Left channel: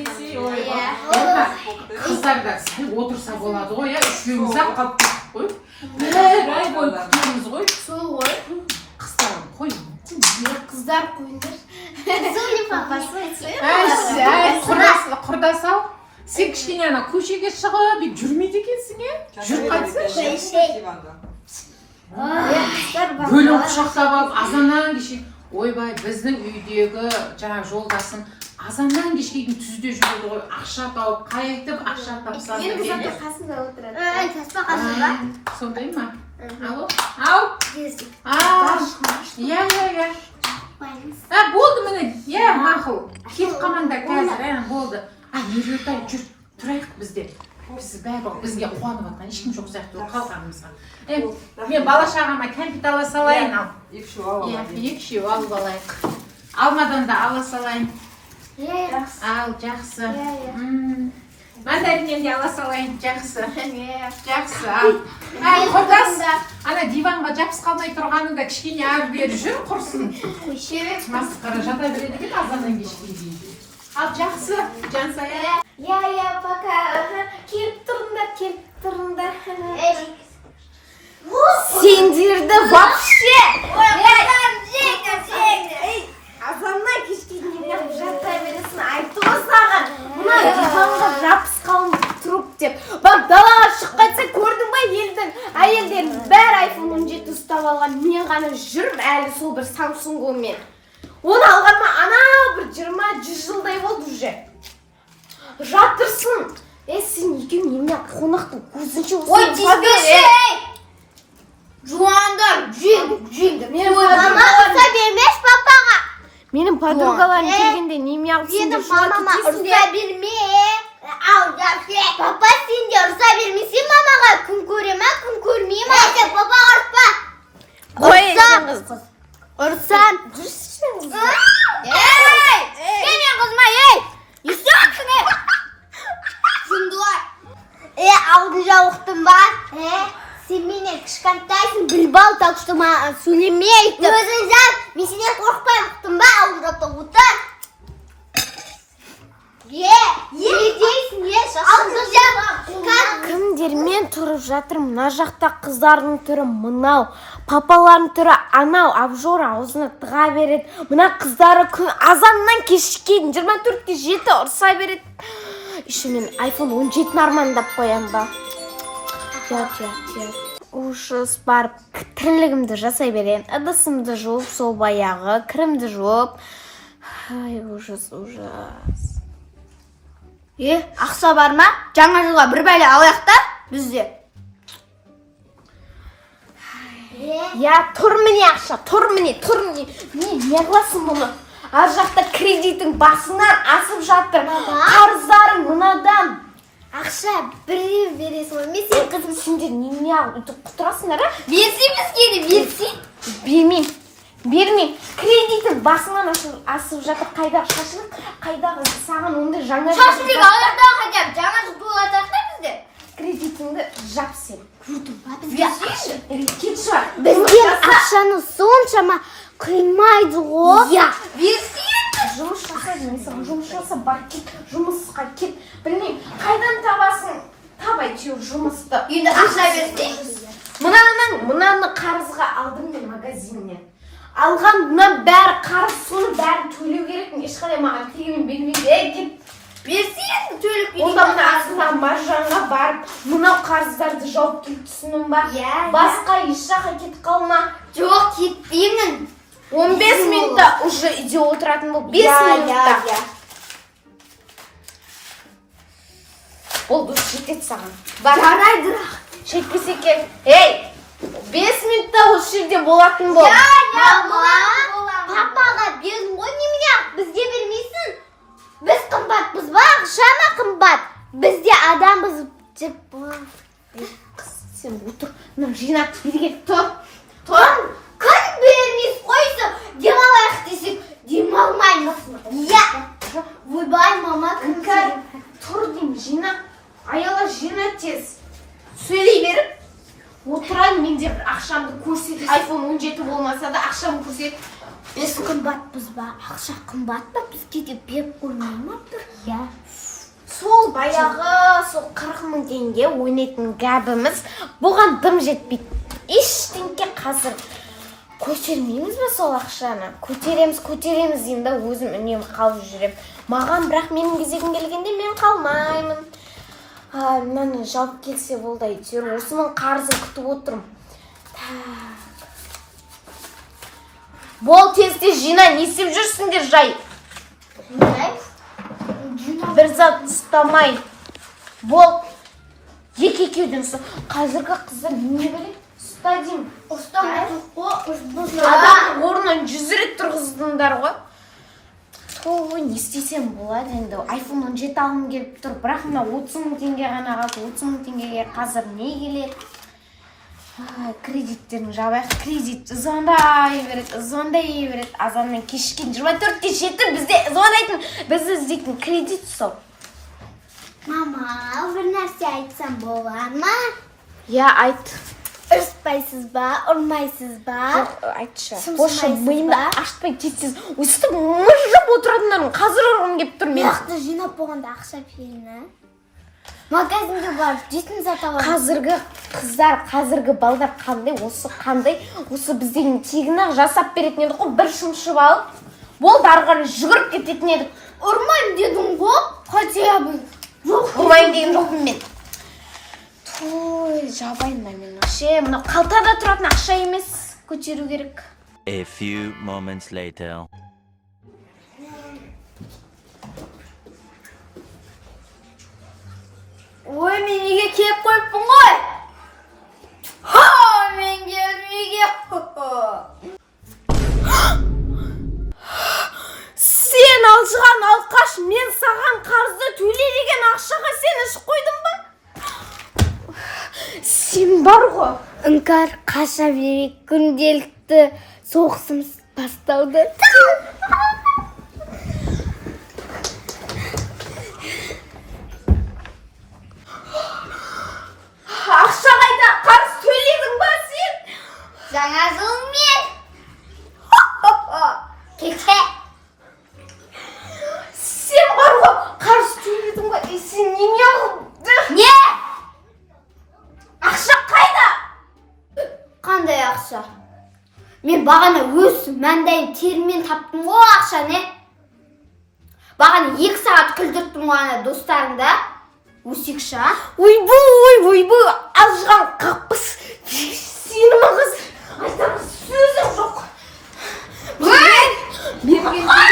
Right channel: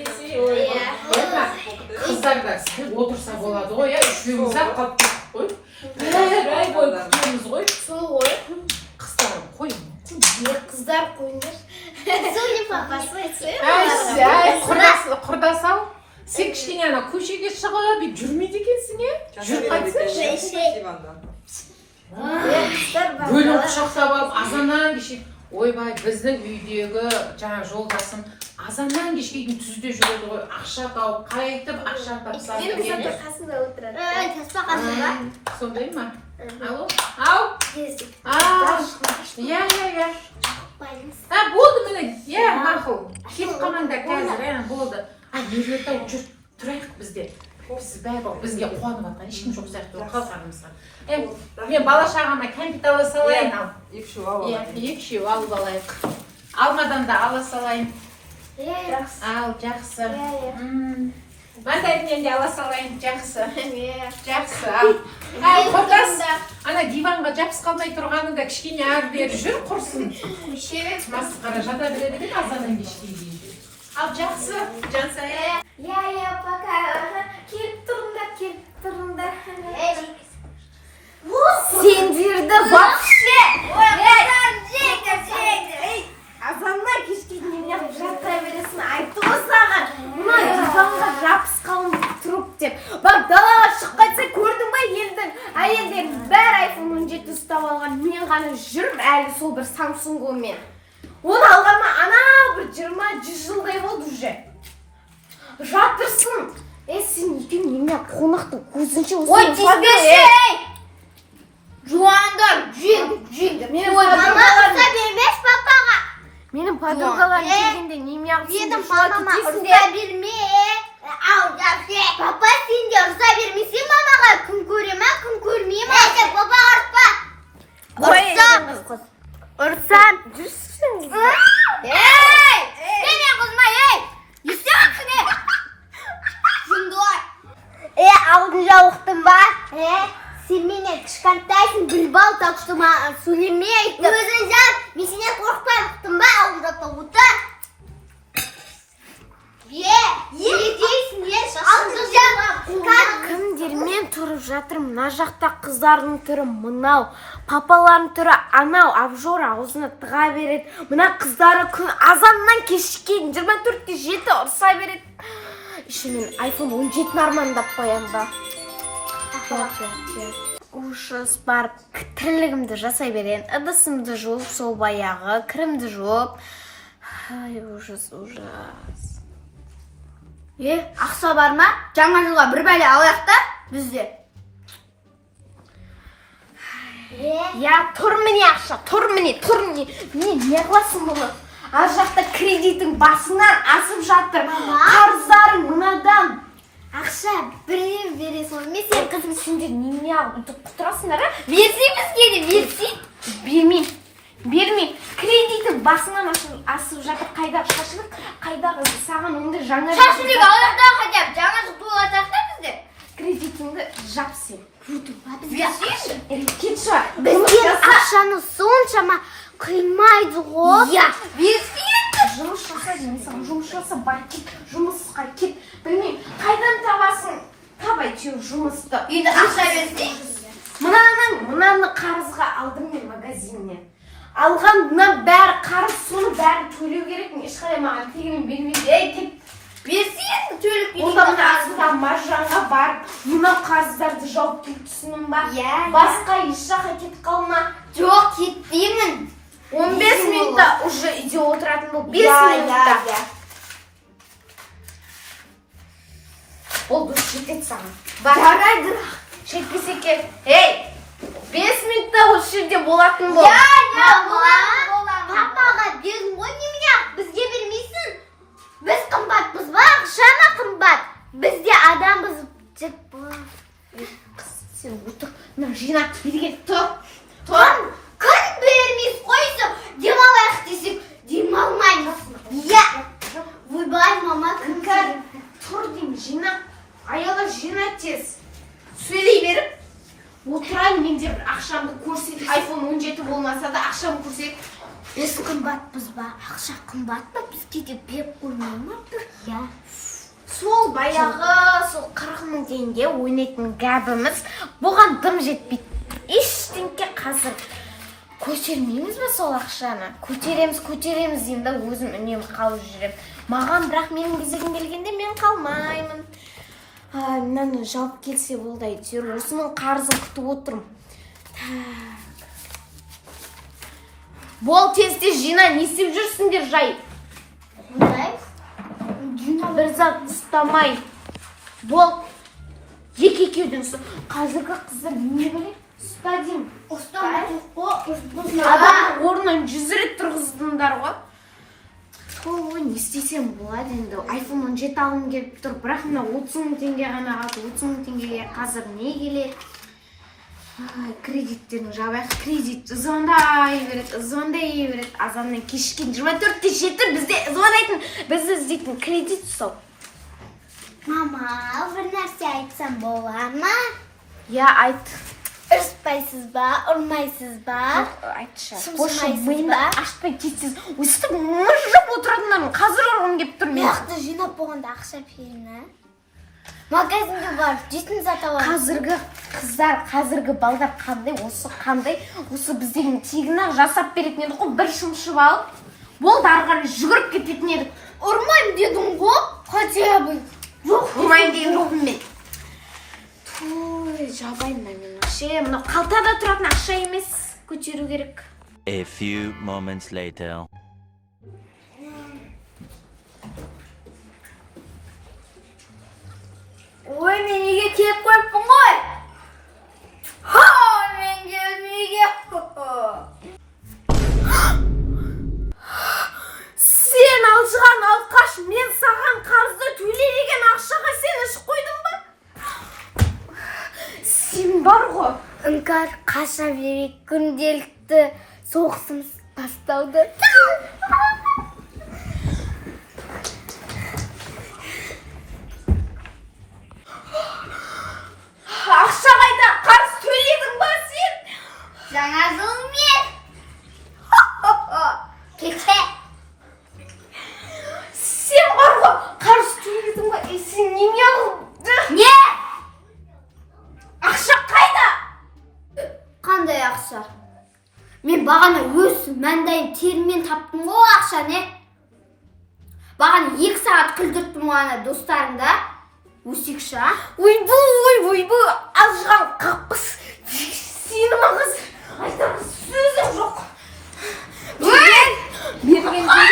дейсің? Қыздар да сәл отырса болады ғой, үшеуміз-ақ қалып кеттік қой. Ай бой күтеміз ғой. Сұлу ғой. Қыздарым қой. Қыздар қойыңдар. Сұлу папасы. Құрдас-ау. Сен кішкене ана көшеге шығып жүрмейді екенсің, жүріп қайтсың. Бөлім құшақтап алып, азаннан кеше. Ойбай, біздің үйдегі жаңа жолдасым азаннан кешке дейін түзде жүреді ғой, ақша тауып, қайтып ақша тапса. Менің заты қасында отырады. Таспа қасында. Сондай ма? Алло? Ау? Иә. Болды міне, мақұл. Кет қамаңдар қазір, болды. Ерлетау жүр, тұрайық бізде. Біз бәрі бізге қуанып атқан, ешкім жоқ сияқты қалғанымызға. Мен бала шағама кәмпит ала салайын. Екшеу алып алайық. Алмадан да ала салайын. Ал, жақсы. Мандариннен де ала салайын, жақсы. Жақсы. Құрдас, ана диванға жабыс қалмай тұрғанында кішкене ар бері жүр, құрсын. Масқара жата береді екен азаннан кешке дейін. Ал жақсы, Жансая. Пока. Келіп тұрыңдар. Сендерді вообще! Азаннан кешке дейін жата бересің, айтты ғой саған. Мына диванға жабыс қалып тұрып деп. Бak далаға шыққанса көрдің ба елдің әйелдерін бәрі iPhone 17 ұстап алған. Мен ғана жүрмін әлі сол бір Samsung-мен. Оны алғанма ана бір 20-100 жылдай болды уже. Жатырсың. Сен екеуің неме қонақтың көзінше осы. Ой, тезбеші! Жуандар, жүйіңді. Мама ұрса бермеш папаға. Менің подругаларым келгенде неме ағып сендер шуа кетесің де. Ұрса берме. Папа сен де ұрса бермесен мамаға. Күн көре ма, күн көрмей ма? Папаға ұртпа. Ұрсам. Сене қызма, естемексің, Жындуар. Алдын жауықтың ба? Сен менен кішкентайсың, білбал, так что сөйлемейді. Өзің жар, мен сенен қорқпай ұқтың ба? Алдын жауықта ұтыр. Едейсің, алдын жауық. Кімдермен тұрып жатыр, мына жақта қыздардың түрі мынау, папалардың түрі анау, абжор аузына тыға береді. Мына қыздары азаннан кешке 24-те 7 ұрса береді. Еще мен iPhone 17 армандап қоям ба? Ушыс барып, тірлігімді жасай берейін. Ыдысымды жуып, сол баяғы, кірімді жуып. Ай, ужас. Ақса бар ма? Жаңа жылға бір бәле алаяқта бізде. Тұр міне ақша, тұр міне. Не қыласың мұны? Ар жақта кредитің басынан асып жатыр. Қарыздарың мынадан. Ақша бір бересің. Мен сен қызым сендер неме ұтып құтырасыңдар, Берсей бізге де, берсей. Бермейм. Кредитің басынан асып жатыр. Қайдағы шашылық, қайдағы саған ондай жаңа... Шашылық алаяқтағы қайтап, жаңа жыл той атақта бізде. Кредитіңді жап сен. Бізден ақшаны соншама қимайды ғой. Берсей. Жұмыс жаса деймісің, жұмыс жаса бар кет, жұмысқа кет. Білмейм, қайдан табасың? Табай теу жұмысты. Енді ақша берсей? Мынаны қарызға алдым мен магазиннен. Алған мына бәрі қарыз, соны бәрі төлеу керек. Ешқандай маған тегімен бермейді. Кет. Берсей, төлеп берейін. Онда мына астында маржанға барып, мынау қарыздарды жауып келіп түсінім бар. Басқа еш жаққа кетіп қалма. Жоқ, кетпеймін. 15 минутта уже үйде отыратын бұл. 5 минутта. Ол дұрыс жетеді саған. Жарайды. Жетпесе кел. 5 минутта осы жерде болатын бол. Папаға бердің ғой немене? Бізге бермейсің. Біз қымбатпыз ба? Ақшама қымбат. Бізде адамбыз. Сен отыр. Жинап берген. Тұр. Күн бермейсің қойсы. Демалайық десек, демалмаймыз. Ойбай, мама, күнкәр. Тұр дейм, жина. Аяла жина тез. Сөйлей беріп. Отырайын, менде бір ақшамды көрсет. iPhone 17 болмаса да ақшамды көрсет. Біз қымбатпыз ба? ақша қымбат па, бізге де беріп қоймай ма бір? Иә. Сол баяғы, сол 40 мың теңге ойнайтын гәбіміз бұған дым жетпейді. Ештеңке қазір көтермейміз ба сол ақшаны? Көтереміз енді өзім үнемі қалып жүрем. Маған бірақ менің кезегім келгенде мен қалмаймын. Мынаны жауып келсе болды әйтеуір. Осының қарызын күтіп отырмын. Бол тез жина, не істеп жүрсіңдер жай? Бір зат ұстамай. Бол. Екеуден ұста. Қазіргі қыздар не біле? Ұста деймін. Ұстамай тұқ. Адам орнын 100 рет тұрғыздыңдар ғой. Той, не істесем болады енді. iPhone 17 алым келіп тұр. Бірақ мына 30 мың теңге ғана қалды. 30 мың теңгеге қазір не келеді? Кредиттерін жабайық. Кредит звондай береді. Азанмен кешкен 24-те жетті бізде звондайтын, бізді іздейтін кредит сол. Мама, бір нәрсе айтсам бола ма? Я айт. Ұрыспайсыз ба, ұрмайсыз ба? Айтшы. Бошы миымды ашпай кетсіз. Өстіп мұжып отыратындарым. Қазір ұрғым кеп тұр мен. Нақты жинап болғанда ақша берейін. Магазинге барып, жетін зат аламын. Қазіргі қыздар, қазіргі балдар қандай, осы біздің тегін-ақ жасап беретін еді ғой, бір шымшып алып, болды арғаны жүгіріп кететін еді. Ұрмайым дедің ғой, хотя бы. Жоқ, ұрмайым деген жоқпын мен. Той, жабайын да мен вообще, мынау қалтада тұратын ақша емес, көтеру керек. A few moments later. Ой, мен үйге келіп қойыппын ғой. Мен келдім үйге. Сен алжыған алқаш, мен саған қарызды төле деген ақшаға сен ішіп қойдың ба? Сен бар ғой. Іңкәр қаша берек, күнделікті соғысымыз басталды. Ақша қайда? Қарыз төледің ба сен? Жаңа жылмен. Кеше. Сен бар ғой, қарыз төледің ба? Сен неме алды? Не? Ақша қайда? Қандай ақша? Мен бағана өз мәндайын термен таптым ғой ақша, не? Бағана 2 сағат күлдірттім ғана достарыңда. Өсекші, а? Ойбу, алжыған қақпыс. Сені мағыз айтамыз сөзім жоқ. Бергенде